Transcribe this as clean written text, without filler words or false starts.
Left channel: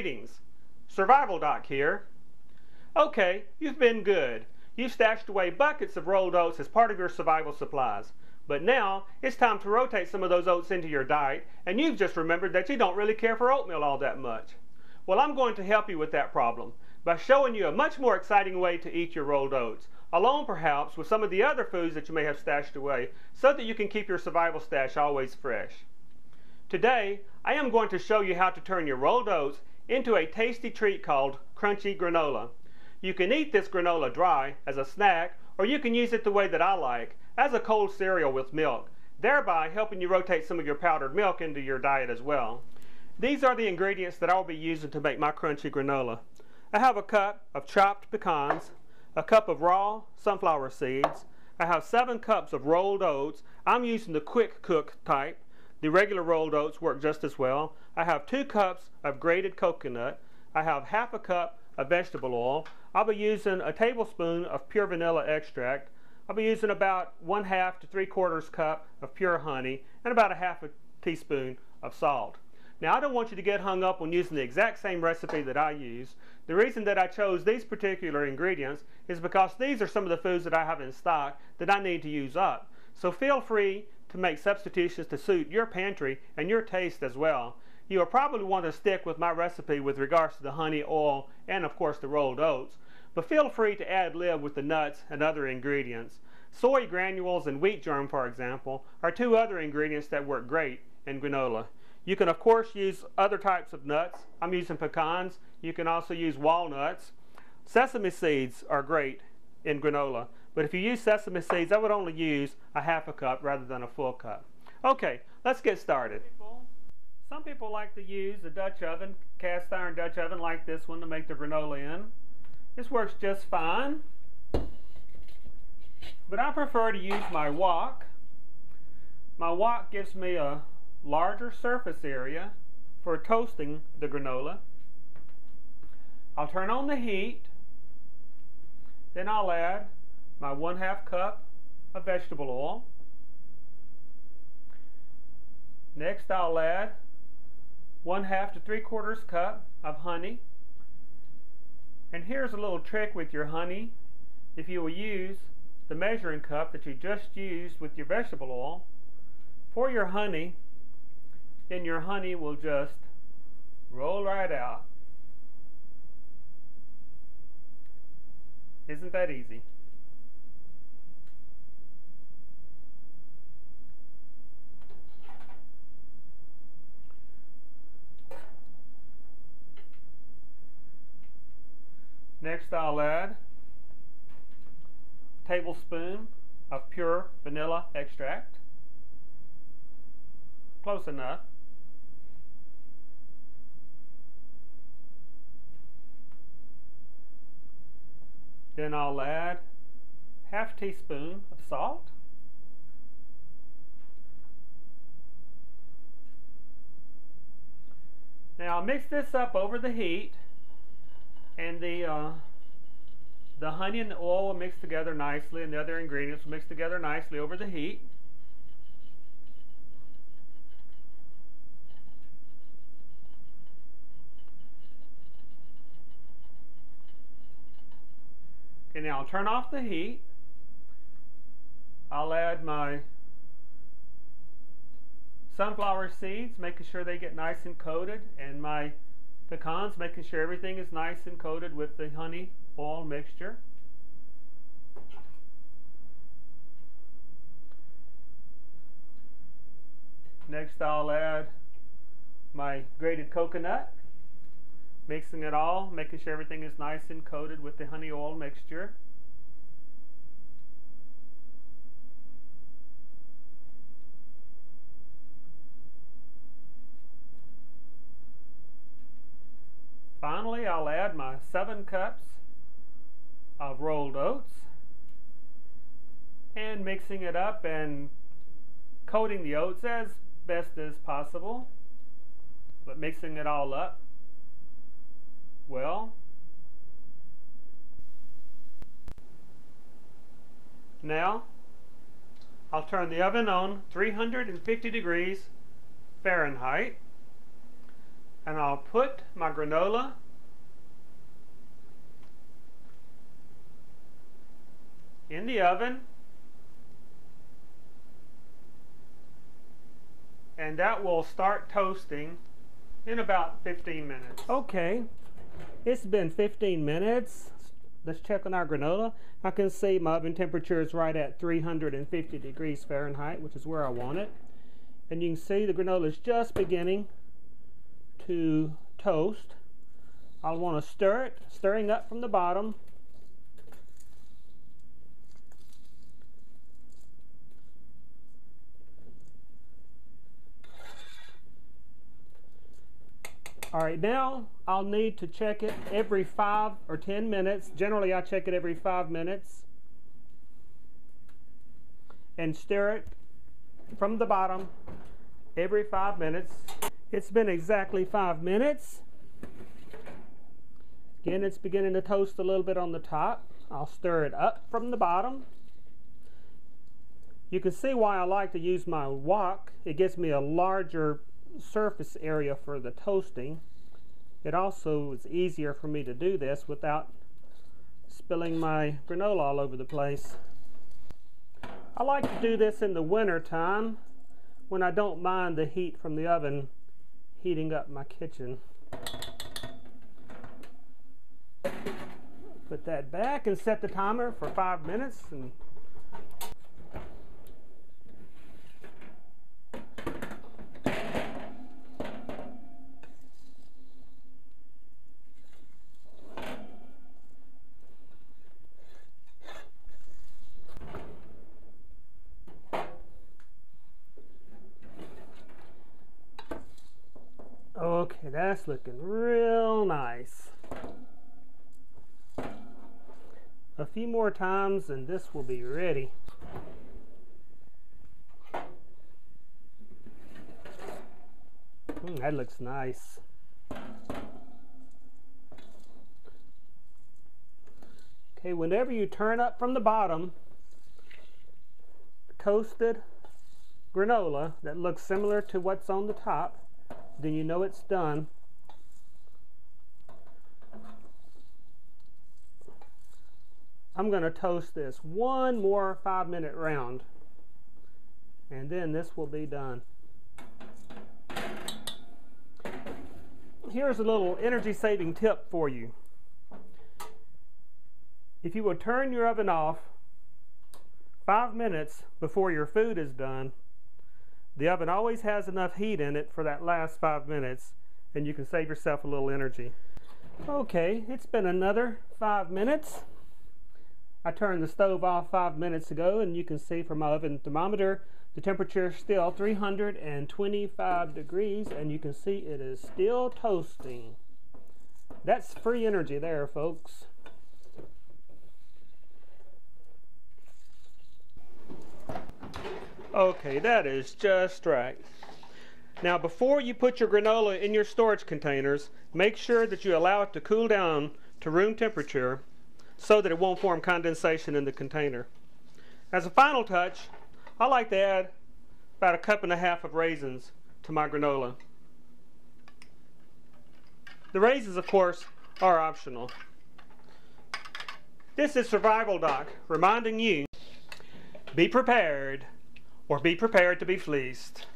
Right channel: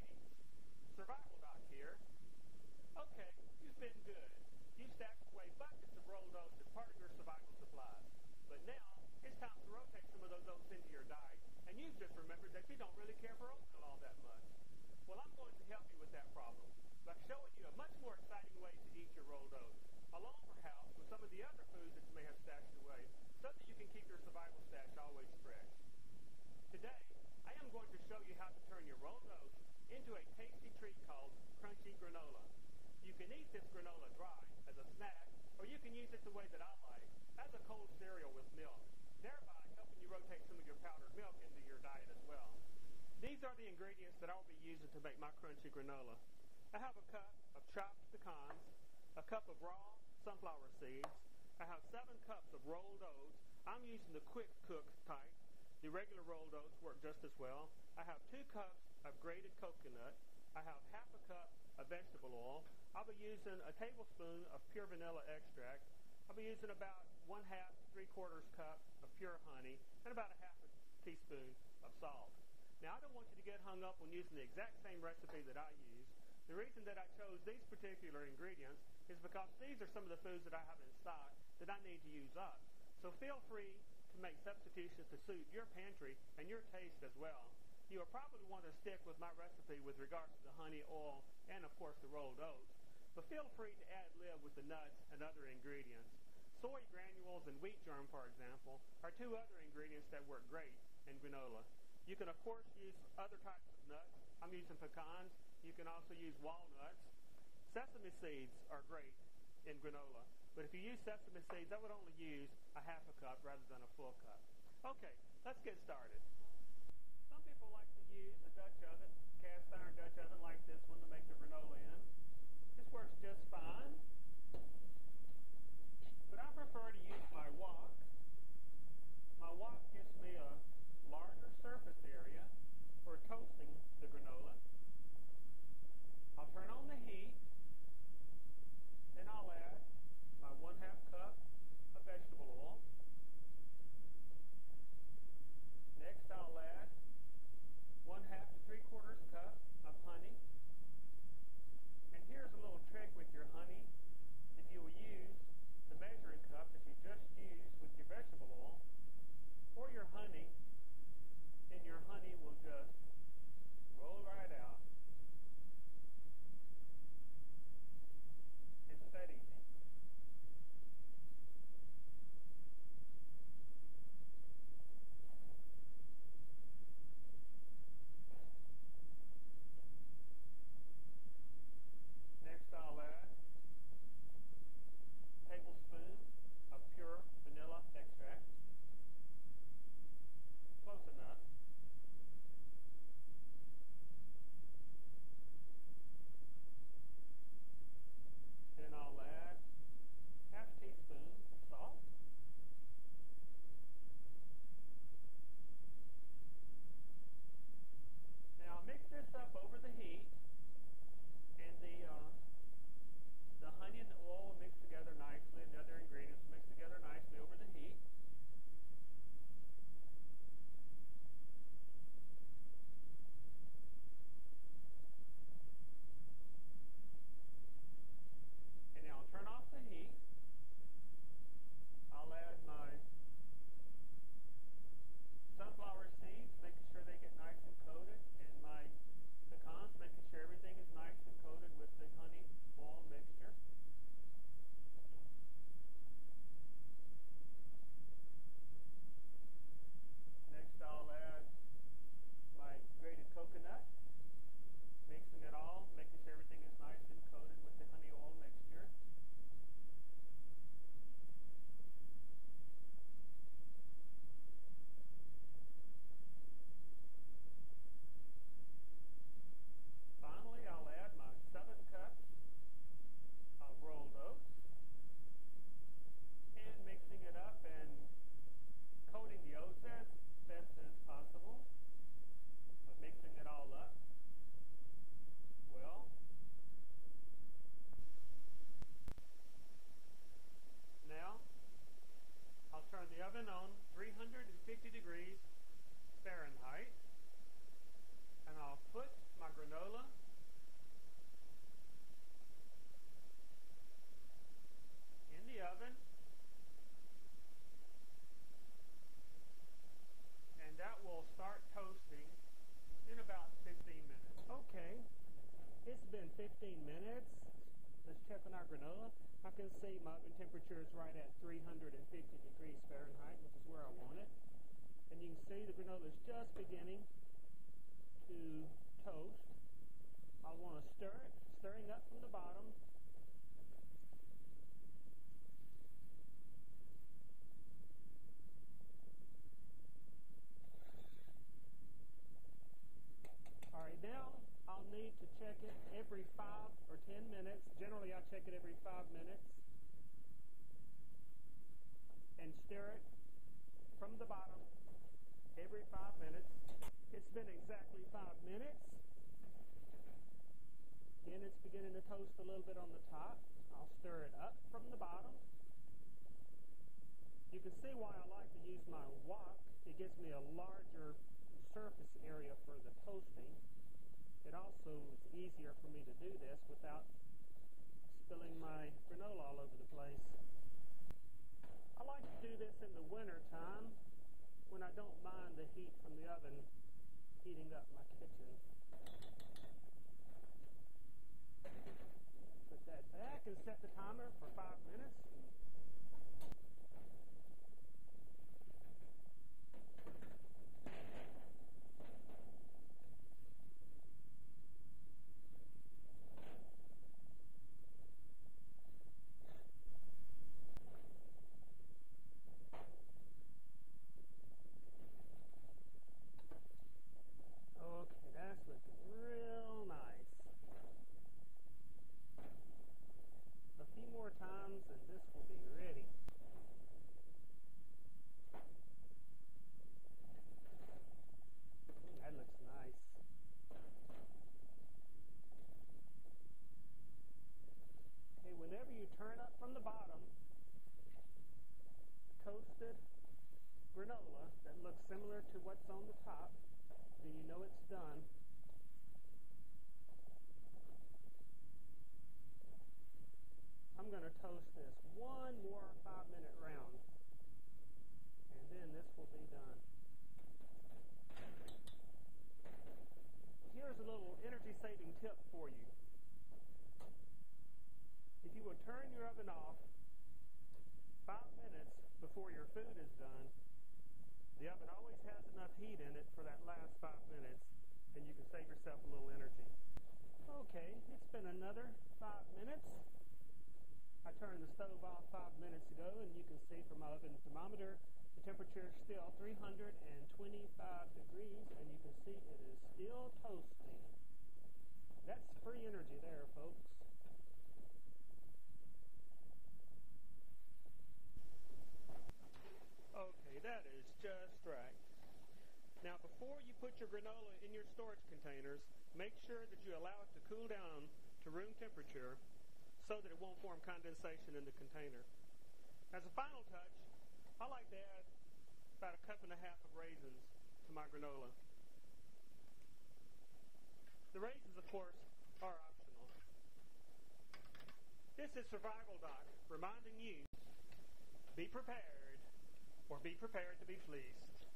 Greetings, Survival Doc here. Okay, you've been good. You've stashed away buckets of rolled oats as part of your survival supplies. But now, it's time to rotate some of those oats into your diet, and you've just remembered that you don't really care for oatmeal all that much. Well, I'm going to help you with that problem by showing you a much more exciting way to eat your rolled oats, along perhaps with some of the other foods that you may have stashed away, so that you can keep your survival stash always fresh. Today, I am going to show you how to turn your rolled oats into a tasty treat called crunchy granola. You can eat this granola dry as a snack, or you can use it the way that I like, as a cold cereal with milk, thereby helping you rotate some of your powdered milk into your diet as well. These are the ingredients that I'll be using to make my crunchy granola. I have a cup of chopped pecans, a cup of raw sunflower seeds, I have 7 cups of rolled oats. I'm using the quick cook type. The regular rolled oats work just as well. I have 2 cups of grated coconut. I have half a cup of vegetable oil. I'll be using a tablespoon of pure vanilla extract. I'll be using about 1/2 to 3/4 cup of pure honey and about 1/2 teaspoon of salt. Now, I don't want you to get hung up on using the exact same recipe that I use. The reason that I chose these particular ingredients is because these are some of the foods that I have in stock that I need to use up. So feel free to make substitutions to suit your pantry and your taste as well. You will probably want to stick with my recipe with regards to the honey, oil, and of course the rolled oats. But feel free to ad-lib with the nuts and other ingredients. Soy granules and wheat germ, for example, are 2 other ingredients that work great in granola. You can of course use other types of nuts. I'm using pecans. You can also use walnuts. Sesame seeds are great in granola, but if you use sesame seeds, I would only use a 1/2 cup rather than a full cup. Okay, let's get started. Some people like to use a Dutch oven, cast iron Dutch oven like this one to make the granola in. This works just fine, but I prefer to use my wok. My wok gives me a larger surface area for toasting the granola. I'll turn on the heat, then I'll add my 1/2 cup of vegetable oil. Next I'll add 1/2 to 3/4 cup of honey. And here's a little trick with your honey. If you will use the measuring cup that you just used with your vegetable oil for your honey, then your honey will just roll right out. Isn't that easy? Next I'll add a tablespoon of pure vanilla extract. Close enough. Then I'll add 1/2 teaspoon of salt. Now I'll mix this up over the heat, and the honey and the oil will mix together nicely, and the other ingredients will mix together nicely over the heat. Okay, now I'll turn off the heat. I'll add my sunflower seeds, making sure they get nice and coated, and my pecans, making sure everything is nice and coated with the honey oil mixture. Next I'll add my grated coconut, mixing it all, making sure everything is nice and coated with the honey oil mixture. Finally, I'll add my 7 cups of rolled oats, and mixing it up and coating the oats as best as possible, but mixing it all up well. Now I'll turn the oven on 350 degrees Fahrenheit. and I'll put my granola in the oven, and that will start toasting in about 15 minutes. Okay, it's been 15 minutes. Let's check on our granola. I can see my oven temperature is right at 350 degrees Fahrenheit, which is where I want it. And you can see the granola is just beginning to toast. I'll want to stir it, stirring up from the bottom. Alright, now I'll need to check it every 5 or 10 minutes. Generally I check it every 5 minutes. And stir it from the bottom every 5 minutes. It's been exactly 5 minutes. Again, it's beginning to toast a little bit on the top. I'll stir it up from the bottom. You can see why I like to use my wok. It gives me a larger surface area for the toasting. It also is easier for me to do this without spilling my granola all over the place. I like to do this in the winter time when I don't mind the heat from the oven heating up my kitchen. Put that back and set the timer for 5 minutes. And okay, that's looking real nice. A few more times and this will be ready. That looks nice. Okay, whenever you turn up from the bottom, toasted granola that looks similar to what's on the top, then you know it's done. I'm going to toast this one more 5-minute round, and then this will be done. Here's a little energy saving tip for you. If you would turn your oven off 5 minutes before your food is done, the oven always has enough heat in it for that last 5 minutes, and you can save yourself a little energy. Okay, it's been another 5 minutes. I turned the stove off 5 minutes ago, and you can see from my oven thermometer the temperature is still 325 degrees, and you can see it is still toasting. That's free energy there, folks. Okay, that is just right. Now, before you put your granola in your storage containers, make sure that you allow it to cool down to room temperature so that it won't form condensation in the container. As a final touch, I like to add about 1.5 cups of raisins to my granola. The raisins, of course, are optional. This is Survival Doc reminding you, be prepared or be prepared to be fleeced.